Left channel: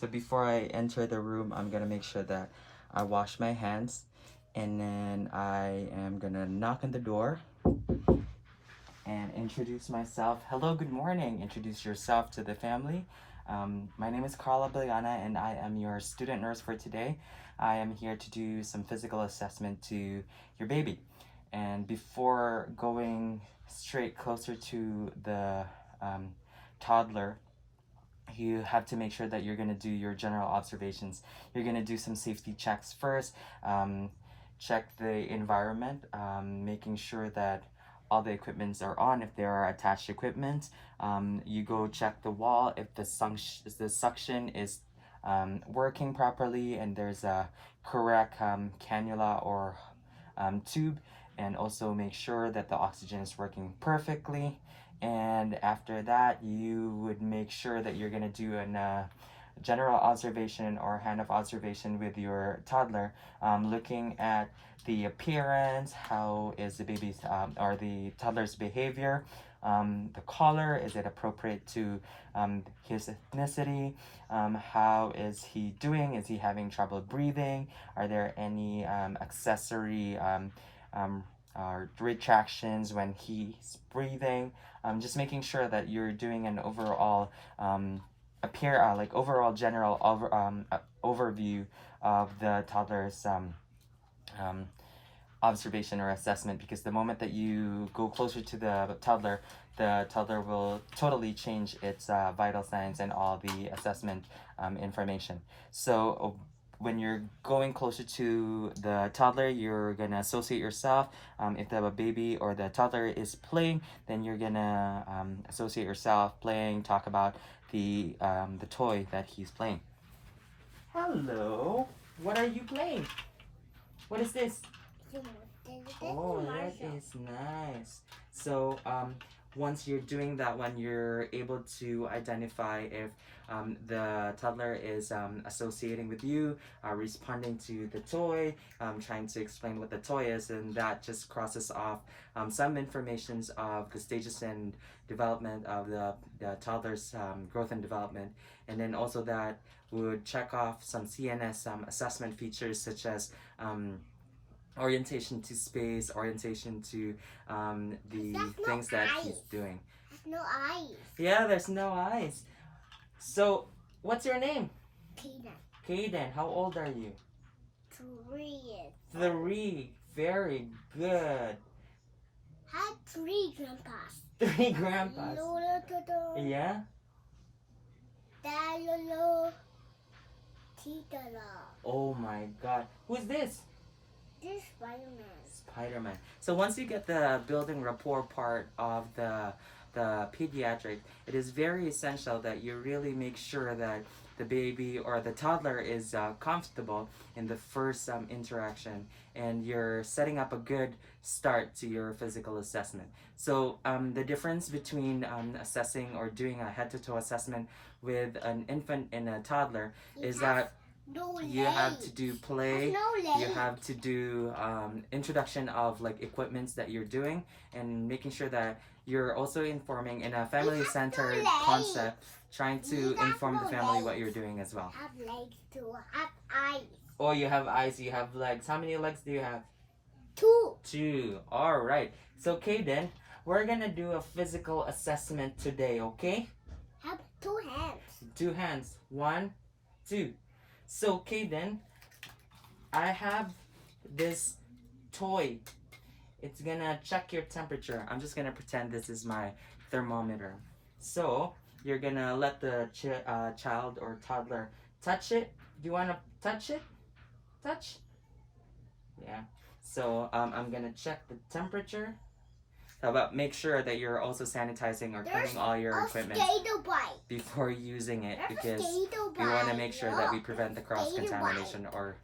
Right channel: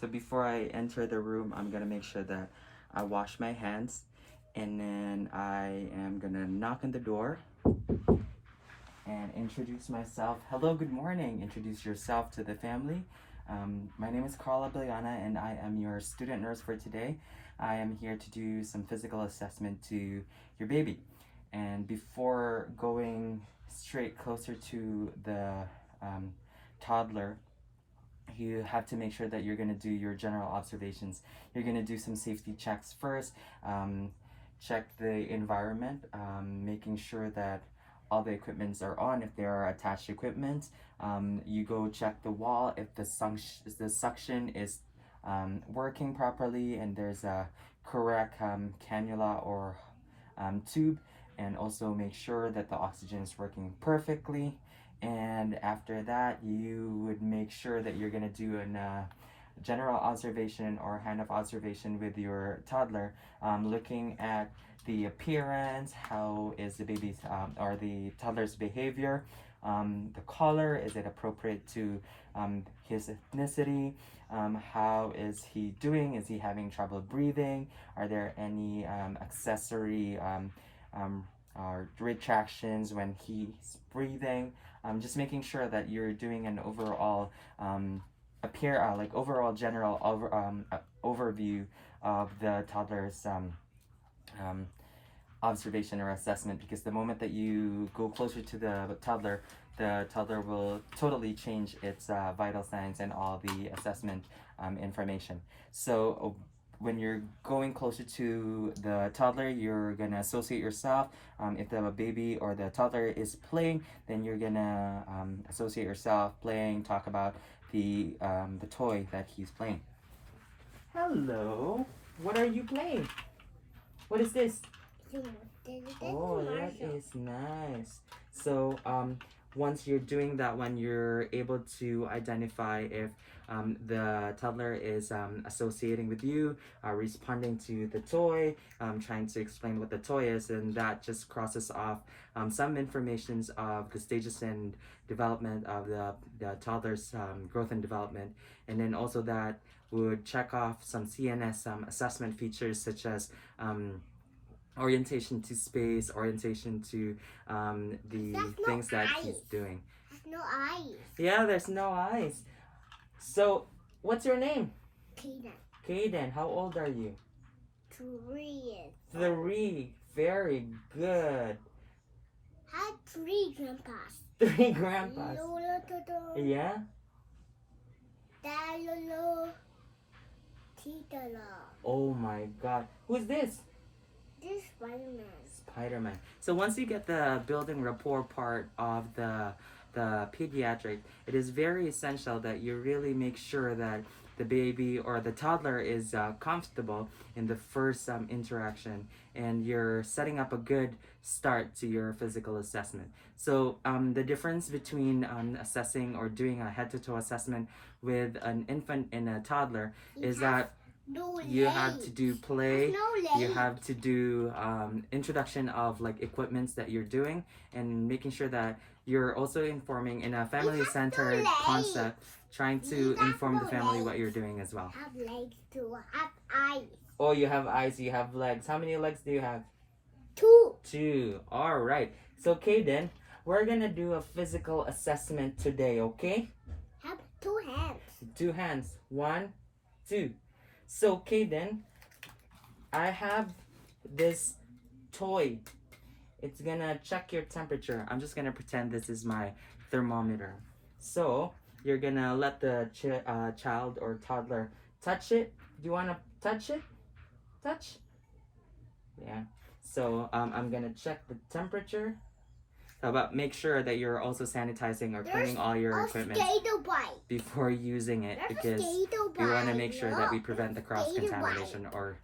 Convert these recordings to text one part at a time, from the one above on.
So before I enter the room, I'm gonna make sure that I wash my hands, and then I am gonna knock on the door and introduce myself. Hello, good morning. Introduce yourself to the family. My name is Carla Biliana, and I am your student nurse for today. I am here to do some physical assessment to your baby. And before going straight closer to the toddler, you have to make sure that you're going to do your general observations. You're going to do some safety checks first. Check the environment, making sure that all the equipments are on. If there are attached equipment, you go check the wall if the suction is working properly and there's a correct cannula or tube, and also make sure that the oxygen is working perfectly. And after that, you would make sure that you're going to do a general observation or hand of observation with your toddler, looking at the appearance, how is the baby's or the toddler's behavior, the color, is it appropriate to his ethnicity, how is he doing, is he having trouble breathing, are there any accessory retractions when he's breathing. Just making sure that you're doing an overall overall general overview of the toddler's observation or assessment, because the moment that you go closer to the toddler will totally change its vital signs and all the assessment information. So when you're going closer to the toddler, you're gonna associate yourself. If the baby or the toddler is playing, then you're gonna associate yourself playing, talk about the toy that he's playing. Hello, what are you playing? What is this? Oh, that is nice. So once you're doing that one, you're able to identify if the toddler is associating with you, responding to the toy, trying to explain what the toy is, and that just crosses off some informations of the stages and development of the toddler's growth and development. And then also that would check off some CNS assessment features, such as orientation to space, orientation to the things that he's doing. There's no eyes. Yeah, there's no eyes. So, what's your name? Kaden. Kaden, how old are you? 3. 3. Very good. Had 3 grandpas. 3 grandpas. Lola, Yeah? Dad, Lolo, Tita, Oh my god. Who's this? This is Spider-Man. Spider-Man. So once you get the building rapport part of the pediatric, it is very essential that you really make sure that the baby or the toddler is comfortable in the first interaction, and you're setting up a good start to your physical assessment. So the difference between assessing or doing a head-to-toe assessment with an infant and a toddler is that you have to do play, you have to do introduction of like equipments that you're doing, and making sure that you're also informing in a family-centered concept, trying to inform the family what you're doing as well. Have legs too, have eyes. Oh, you have eyes, you have legs. How many legs do you have? 2. 2. All right. So, Kaden, we're gonna do a physical assessment today, okay? Have 2 hands. 2 hands. 1, 2. So, Kaden, I have this toy. It's gonna check your temperature. I'm just gonna pretend this is my thermometer. So, you're gonna let the child or toddler touch it. Do you wanna touch it? Touch? Yeah. So, I'm gonna check the temperature. But make sure that you're also sanitizing or cleaning all your equipment before using it, because we want to make sure that we prevent the cross-contamination or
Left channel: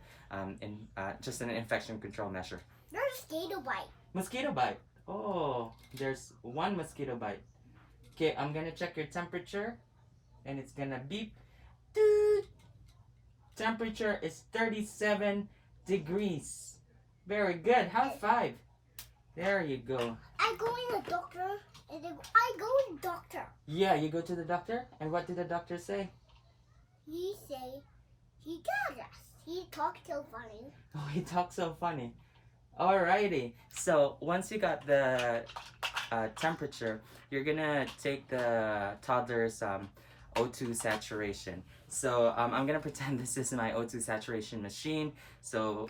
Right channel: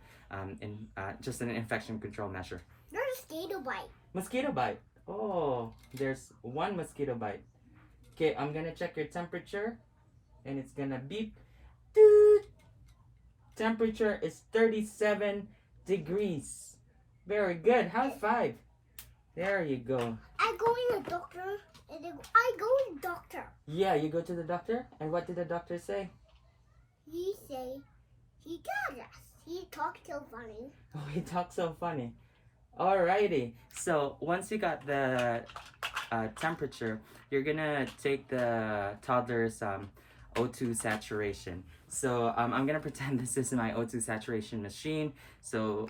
just an infection control measure. There's a mosquito bite. Mosquito bite. Oh, there's 1 mosquito bite. Okay, I'm going to check your temperature, and it's going to beep. Doot. Temperature is 37 degrees. Very good. High 5. There you go. I go in the doctor. I go in the doctor. Yeah, you go to the doctor, and what did the doctor say? he say, he does us. He talks so funny. Oh, he talks so funny. Alrighty. So once you got the temperature, you're gonna take the toddler's O2 saturation. So I'm gonna pretend this is my O2 saturation machine. So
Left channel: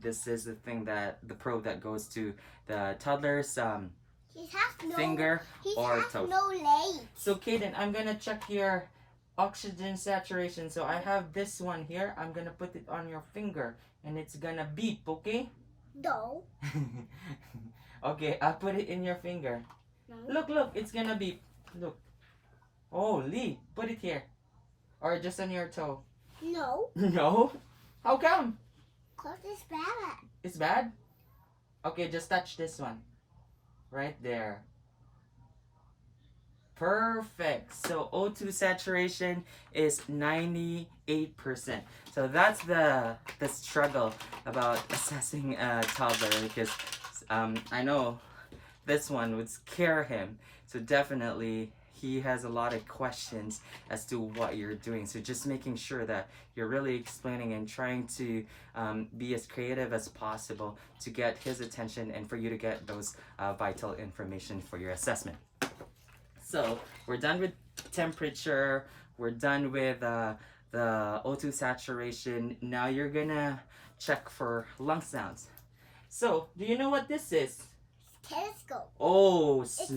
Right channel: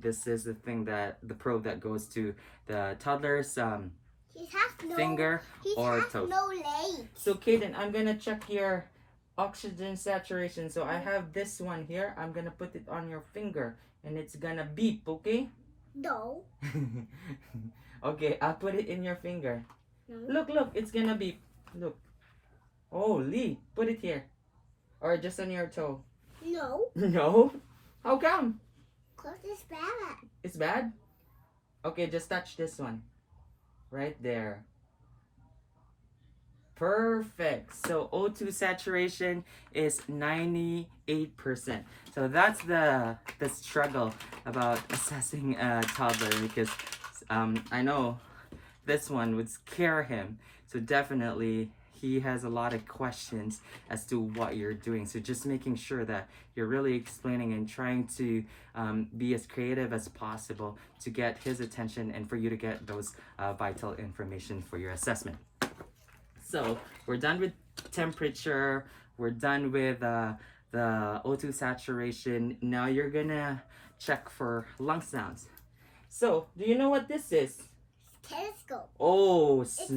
this is the probe that goes to the toddler's He has no finger He or has toe. no legs. So Kaden, I'm gonna check your oxygen saturation. So I have this one here. I'm gonna put it on your finger and it's gonna beep, okay? No. Okay, I'll put it in your finger. No. Look, it's gonna beep. Look. Oh, Lee, put it here. Or just on your toe. No. No? How come? Cause it's bad. It's bad? Okay, just touch this one. Right there. Perfect. So O2 saturation is 98%. So that's the struggle about assessing a toddler, because I know this one would scare him. So definitely he has a lot of questions as to what you're doing. So just making sure that you're really explaining and trying to be as creative as possible to get his attention and for you to get those vital information for your assessment. So we're done with temperature, we're done with the O2 saturation. Now you're gonna check for lung sounds. So, do you know what this is? Telescope. Oh, It's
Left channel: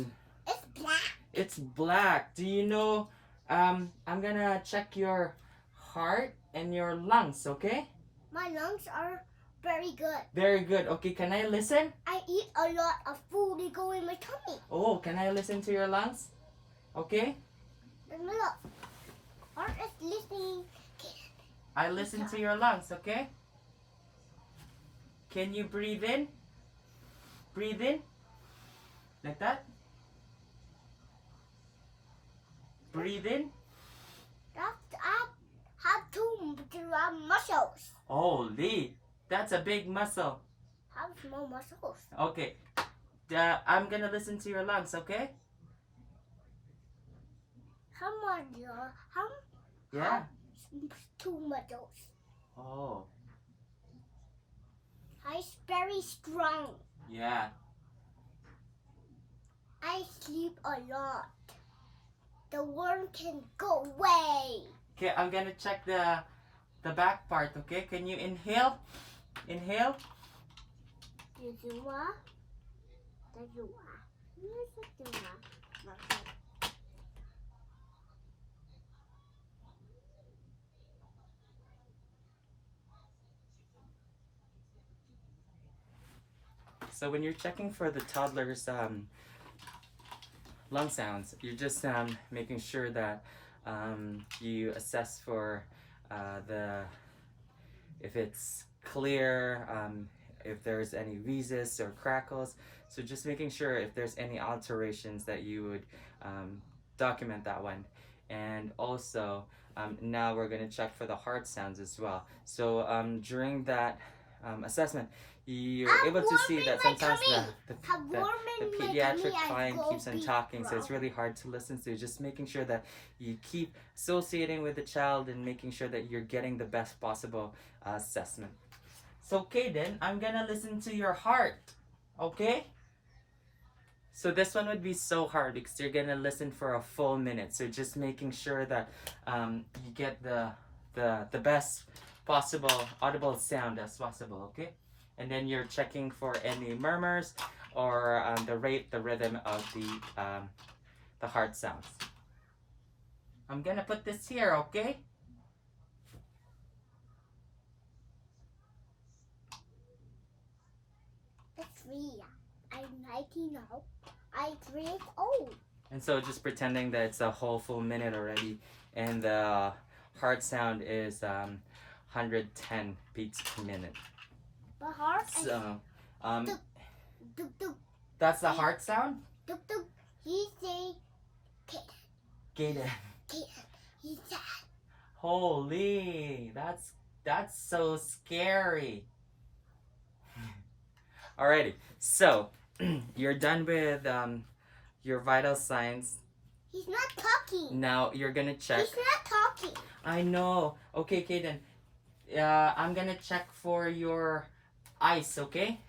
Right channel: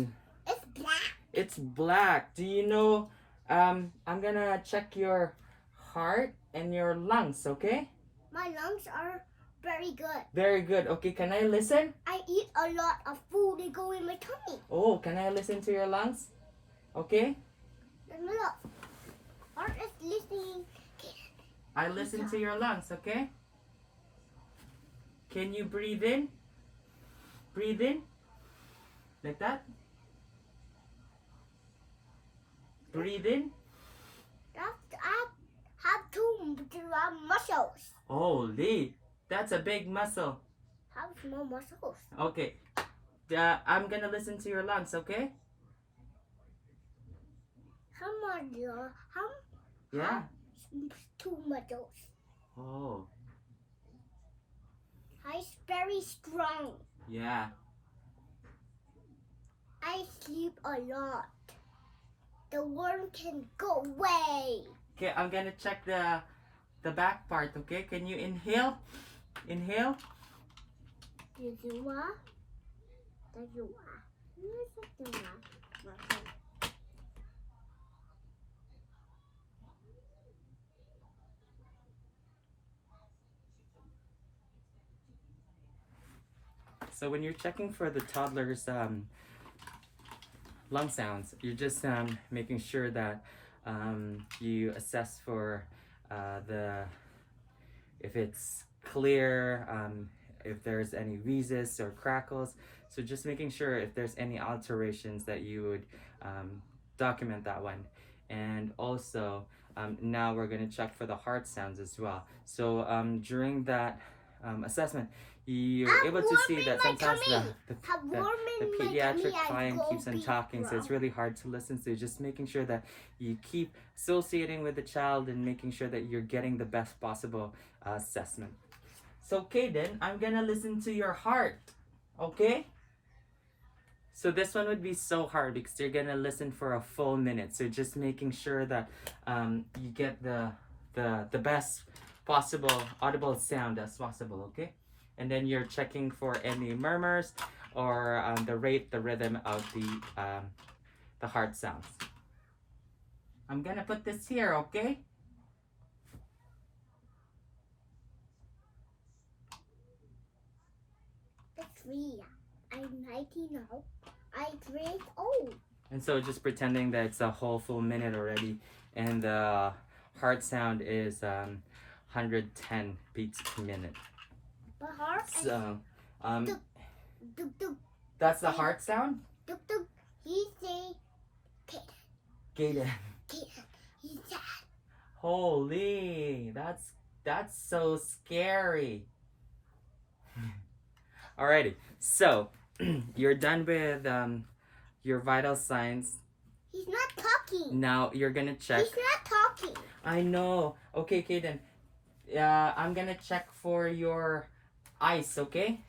black. it's black. Do you know, I'm gonna check your heart and your lungs, okay? My lungs are very good. Very good. Okay, can I listen? I eat a lot of food that go in my tummy. Oh, can I listen to your lungs? Okay? And look, heart is listening. I listen to your lungs, okay? Can you breathe in? Breathe in? Like that? Breathe in? I have two muscles. Holy, that's a big muscle. Have small muscles. Okay. I'm gonna listen to your lungs, okay? How much? Yeah. Two muscles. Oh, It's very strong. yeah. I sleep a lot. The worm can go away. Okay, I'm gonna check the back part, okay? Can you inhale? Inhale. So when you're checking for the toddler's lung sounds, you're just making sure that you assess for if it's clear, if there's any wheezes or crackles. So just making sure if there's any alterations that you would document that one. And also now we're going to check for the heart sounds as well. So during that assessment, you're able to see that sometimes the pediatric client keeps on talking, so it's really hard to listen. So just making sure that you keep associating with the child and making sure that you're getting the best possible assessment. So Kaden, I'm gonna listen to your heart, okay? So this one would be so hard because you're gonna listen for a full minute. So just making sure that you get the best possible audible sound as possible, okay? And then you're checking for any murmurs or the rhythm of the heart sounds. I'm gonna put this here, okay? It's me. I'm 19 now. I drink old. And so just pretending that it's a whole full minute already, and the heart sound is 110 beats per minute. The heart. So, Duk, duk, duk, that's the heart sound? duk, duk. He say, Gaden. He said. Holy, that's so scary. Alrighty, so you're done with your vital signs. He's not talking. Now you're gonna check. He's not talking. I know. Okay, Kaden. I'm gonna check for your eyes, okay?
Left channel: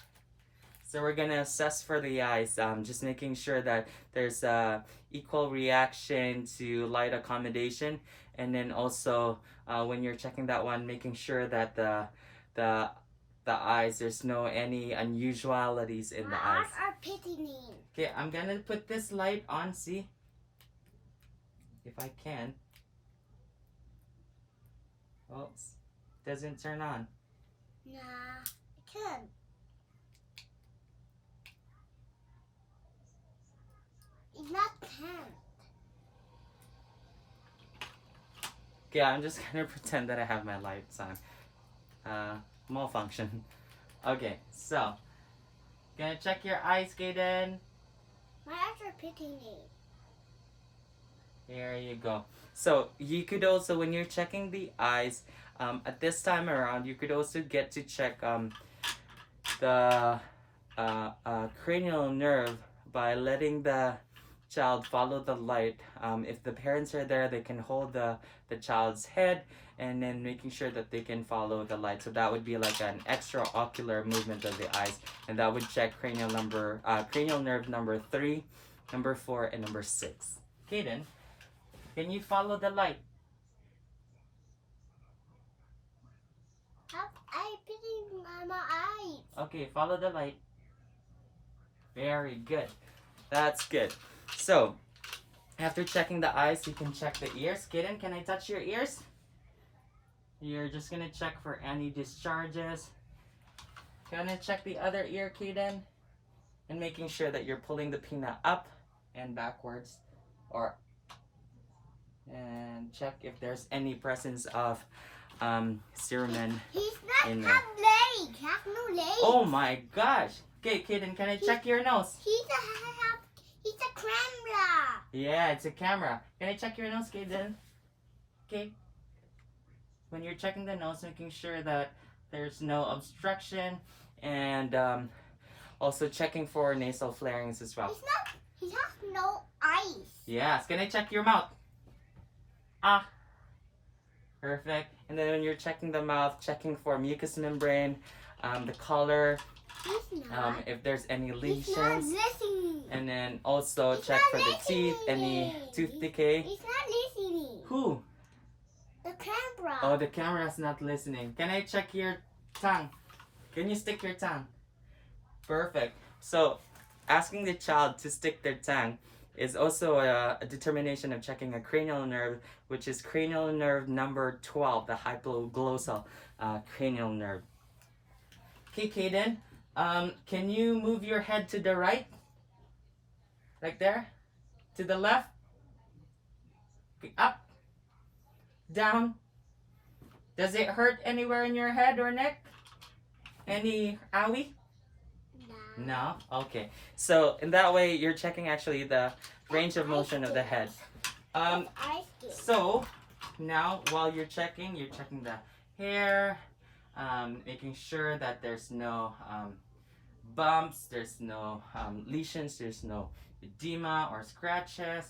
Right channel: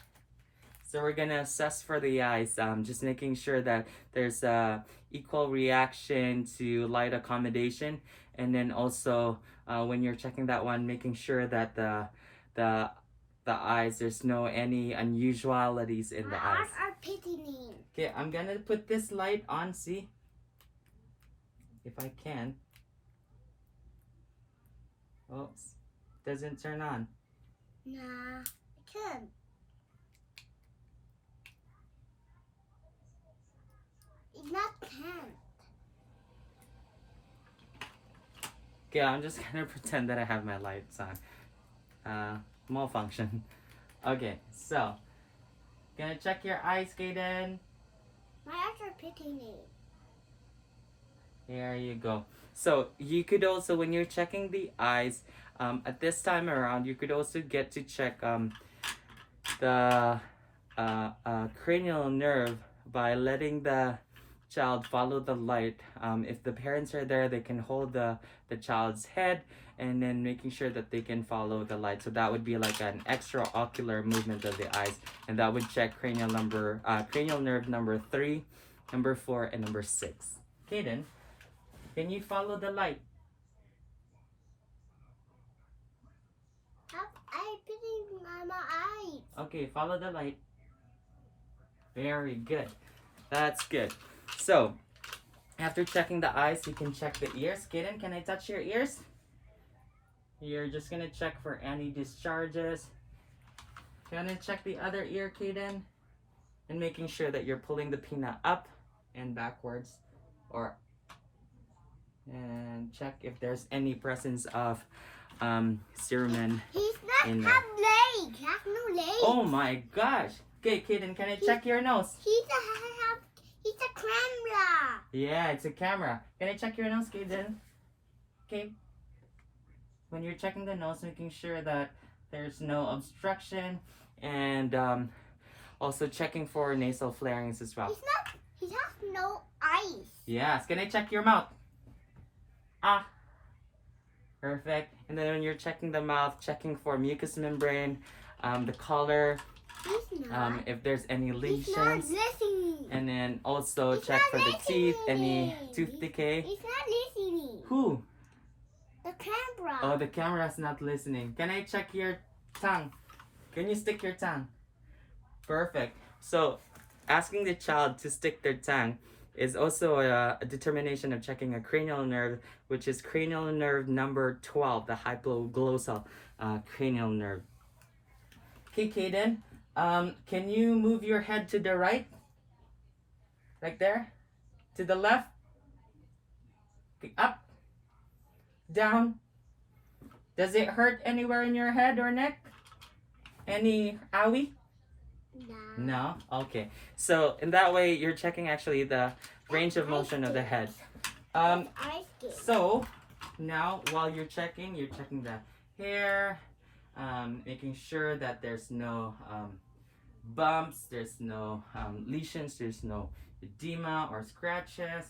So we're gonna assess for the eyes, just making sure that there's a equal reaction to light accommodation, and then also when you're checking that one, making sure that the the eyes, there's no any unusualities in the My eyes. eyes are pitting. Okay, I'm gonna put this light on. See if I can. Oops, doesn't turn on. Nah, I can. It's not 10. Okay, I'm just gonna pretend that I have my lights on. Malfunction. Okay, so gonna check your eyes, Kaden. My eyes are pitting. There you go. So you could also, when you're checking the eyes, at this time around, you could also get to check the cranial nerve by letting the child follow the light. If the parents are there, they can hold the child's head and then making sure that they can follow the light. So that would be like an extraocular movement of the eyes, and that would check cranial nerve number 3, number 4, and number 6. Kaden, can you follow the light? I'm pitting my eyes. Okay, follow the light. Very good. That's good. So, after checking the eyes, you can check the ears. Kaden, can I touch your ears? You're just gonna check for any discharges. Can I check the other ear, Kaden? And making sure that you're pulling the pinna up and backwards, and check if there's any presence of cerumen. He's not In have legs. He has no legs. Oh my gosh. Okay, Kaden, can I check your nose? He's a camera. Yeah, it's a camera. Can I check your nose, Kaden? Okay. When you're checking the nose, making sure that there's no obstruction, and also checking for nasal flarings as well. He has no eyes. Yes. Can I check your mouth? Ah. Perfect. And then when you're checking the mouth, checking for mucous membrane, the color, He's not. if there's any He's not lesions, listening. and then also He's check not for the teeth, any listening. tooth decay. He's not listening. Who? The camera. Oh, the camera's not listening. Can I check your tongue? Can you stick your tongue? Perfect. So, asking the child to stick their tongue is also a determination of checking a cranial nerve, which is cranial nerve number 12, the hypoglossal cranial nerve. Okay, Kaden, can you move your head to the right? Like there? To the left? Okay, up? Down? Does it hurt anywhere in your head or neck? Any owie? No? Okay. So in that way, you're checking actually the range of motion of the head. So now while you're checking the hair, making sure that there's no bumps, there's no lesions, there's no edema or scratches.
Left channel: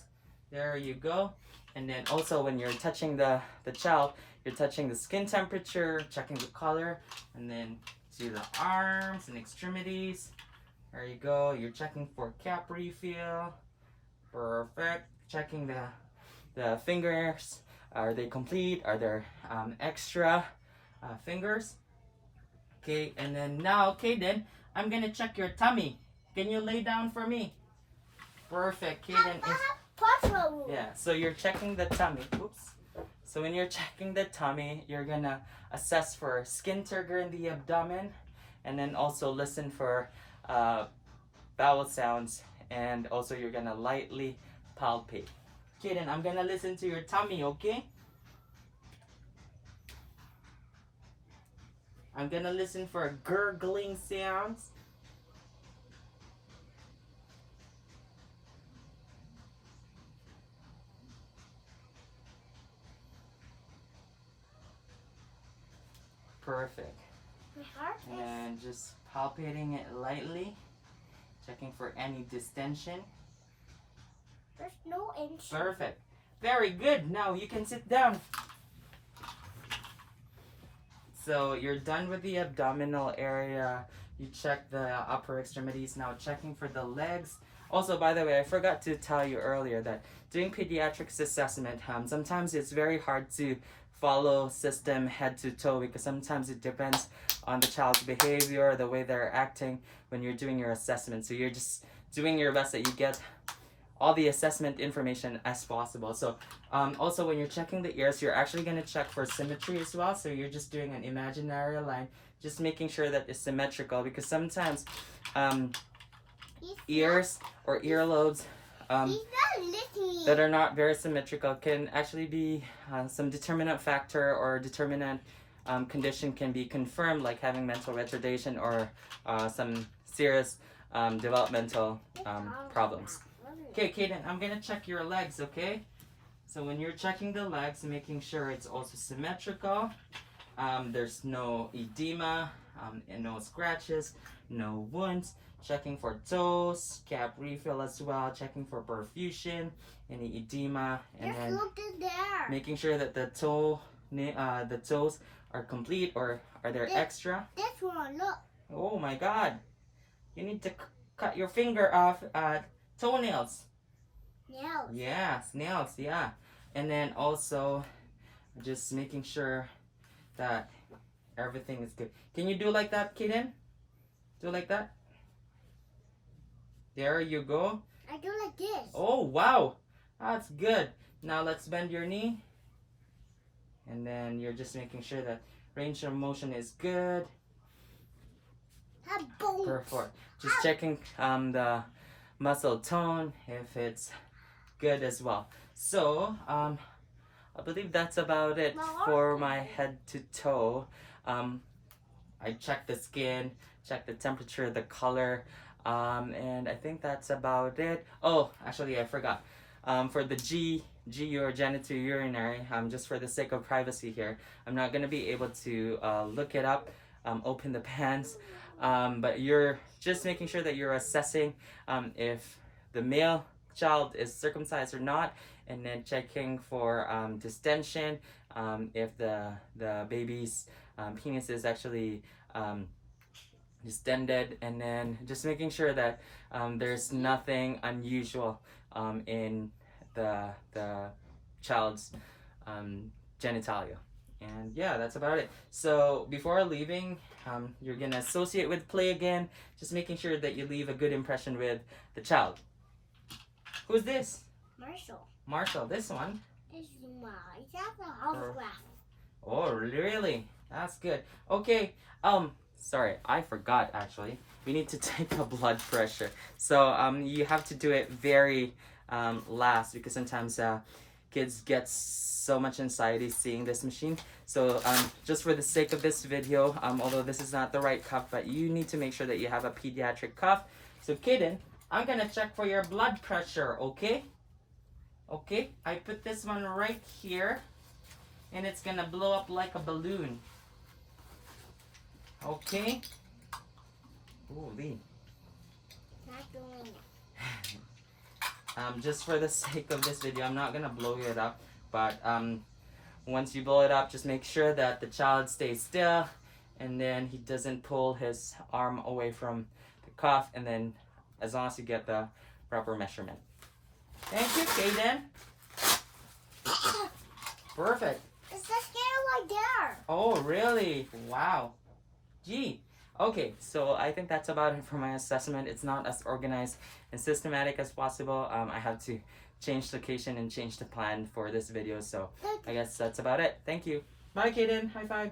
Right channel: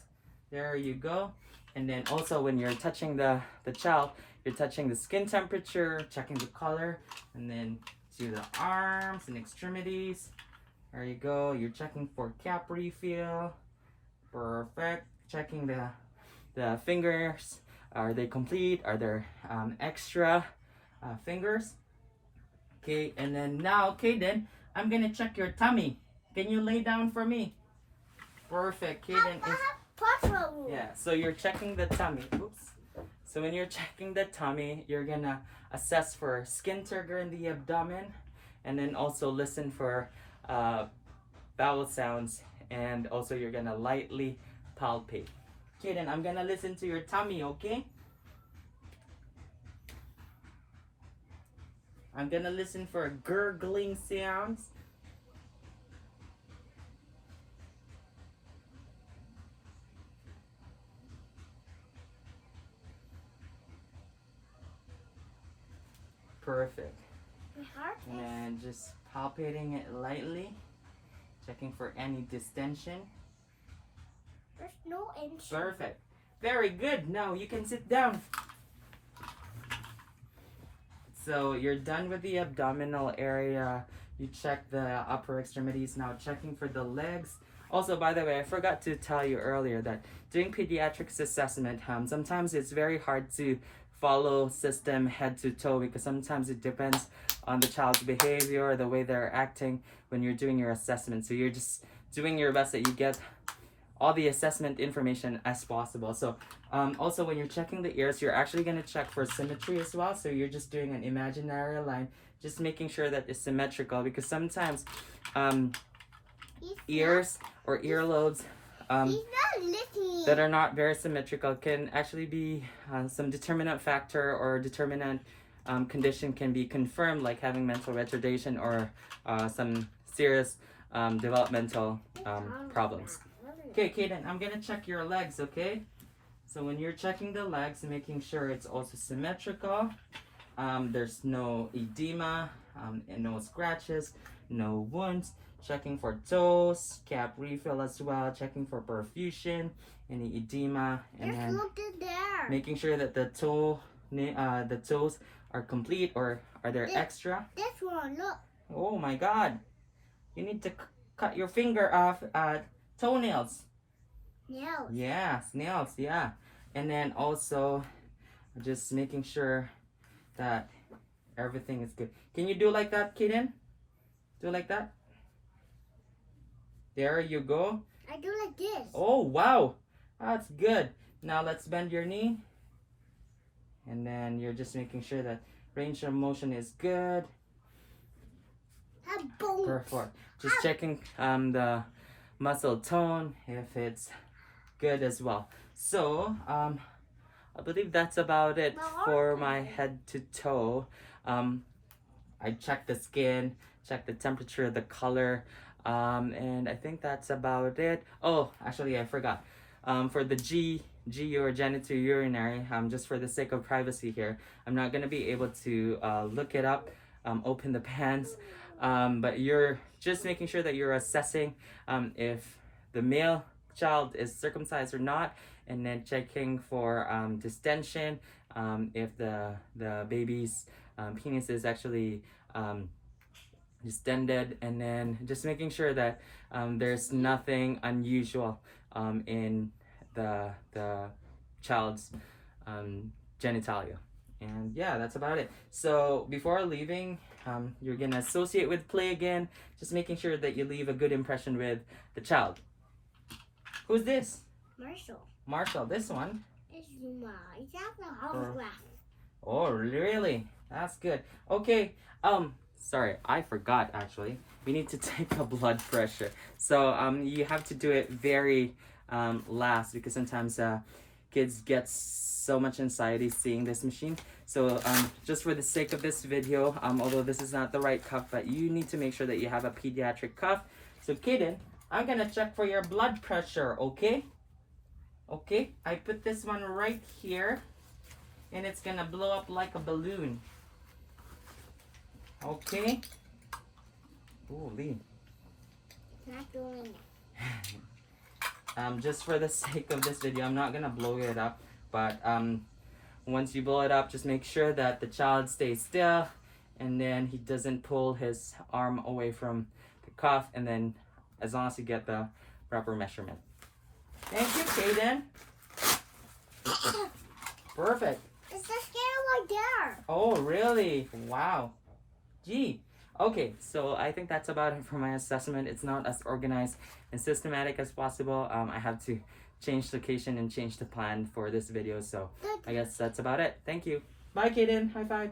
There you go. And then also when you're touching the child, you're touching the skin temperature, checking the color, and then to the arms and extremities. There you go. You're checking for cap refill. Perfect. Checking the fingers. Are they complete? Are there extra fingers? Okay, and then now, Kaden, I'm gonna check your tummy. Can you lay down for me? Perfect. Kaden is... Yeah, so you're checking the tummy. Oops. So when you're checking the tummy, you're gonna assess for skin turgor in the abdomen, and then also listen for bowel sounds, and also you're gonna lightly palpate. Okay, then I'm gonna listen to your tummy, okay? I'm gonna listen for gurgling sounds. Perfect. And then just palpating it lightly, checking for any distension. There's no inch. Perfect. Very good. Now you can sit down. So you're done with the abdominal area. You check the upper extremities. Now checking for the legs. Also, by the way, I forgot to tell you earlier that doing pediatrics assessment, sometimes it's very hard to follow system head to toe because sometimes it depends on the child's behavior, the way they're acting when you're doing your assessment. So you're just doing your best that you get all the assessment information as possible. So also when you're checking the ears, you're actually going to check for symmetry as well. So you're just doing an imaginary line, just making sure that it's symmetrical because sometimes ears or earlobes that are not very symmetrical can actually be some determinant factor or determinant condition can be confirmed, like having mental retardation or some serious developmental problems. Okay, Kaden, I'm gonna check your legs, okay? So when you're checking the legs, making sure it's also symmetrical, there's no edema, and no scratches, no wounds. Checking for toes, cap refill as well, checking for perfusion, any edema, and then making sure that the toes are complete or are there extra. This one, look. Oh my God, you need to cut your finger off toenails. Nails. Yeah, nails, yeah. And then also just making sure that everything is good. Can you do like that, Kaden? Do like that? There you go. I do like this. Oh, wow. That's good. Now let's bend your knee. And then you're just making sure that range of motion is good. Perfect. Just checking the muscle tone if it's good as well. So I believe that's about it for my head to toe. I checked the skin, checked the temperature, the color, and I think that's about it. Oh, actually I forgot. For the GU or genitourinary, just for the sake of privacy here, I'm not gonna be able to look it up, open the pants, but you're just making sure that you're assessing if the male child is circumcised or not, and then checking for distension, if the baby's penis is actually distended, and then just making sure that there's nothing unusual in the child's genitalia. And yeah, that's about it. So before leaving, you're gonna associate with play again, just making sure that you leave a good impression with the child. Who's this? Marshall, this one? It's a autograph. Oh, really? That's good. Okay, sorry, I forgot actually. We need to take a blood pressure. So you have to do it very last because sometimes kids get so much anxiety seeing this machine. So just for the sake of this video, although this is not the right cuff, but you need to make sure that you have a pediatric cuff. So Kaden, I'm gonna check for your blood pressure, okay? Okay, I put this one right here, and it's gonna blow up like a balloon. Okay? Holy. Not doing it. Just for the sake of this video, I'm not gonna blow it up, but once you blow it up, just make sure that the child stays still, and then he doesn't pull his arm away from the cuff, and then as long as you get the proper measurement. Thank you, Kaden. Perfect. It's the scale right there. Oh, really? Wow. Gee. Okay, so I think that's about it for my assessment. It's not as organized and systematic as possible. I have to change location and change the plan for this video, so I guess that's about it. Thank you. Bye, Kaden. High five.